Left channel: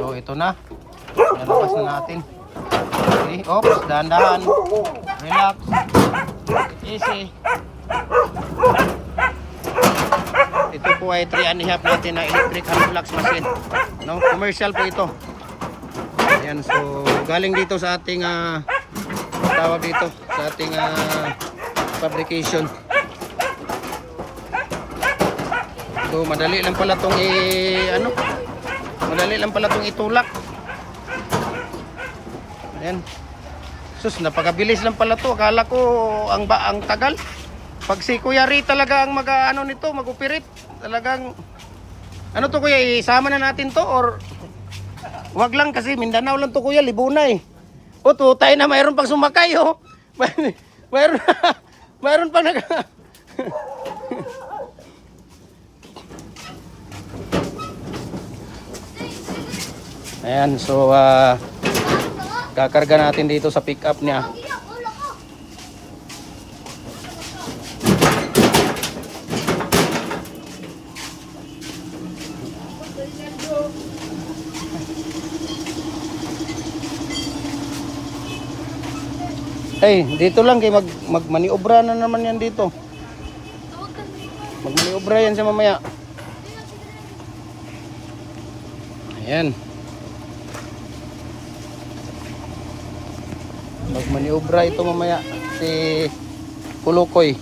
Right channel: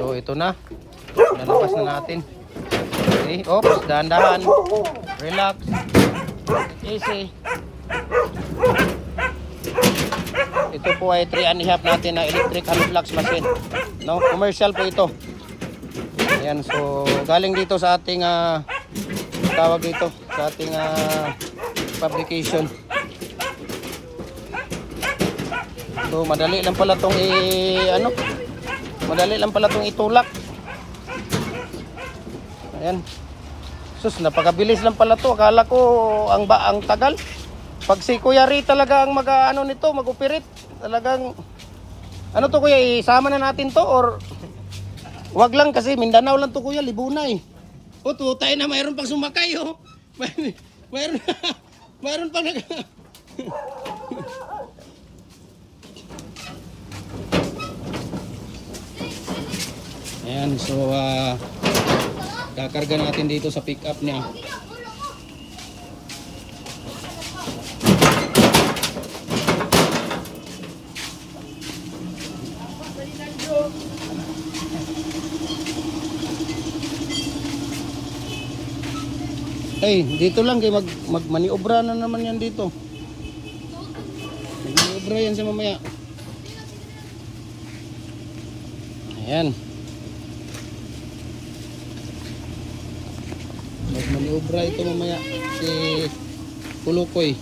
So ito na. Nalakasin natin. Okay, oops, dahan-dahan. Relax. Easy. Ito po ay 3.5 natin na electric unflux machine. No, commercial po ito. Ayan, so galing dito sa ating tawag dito sa ating fabrication. So madali lang pala tong madali lang pala tong itulak. Ayan. Sus, napakabilis lang pala to. Akala ko ang tagal. Pag si Kuya Ray talaga ang mag-ano nito, mag-operate. Talagang ano to Kuya, isama na natin to or wag lang kasi Mindanao lang to Kuya, Libuna eh. O to, tayo na mayroon pang sumakay oh. Mayroon pang Ayan, so kakarga natin dito sa pick up niya. Hey, dito lang kay magmaniobra na naman yan dito. Magmaniobra yan sa mamaya. Ayan. Magmaniobra ito mamaya si Pulukoy.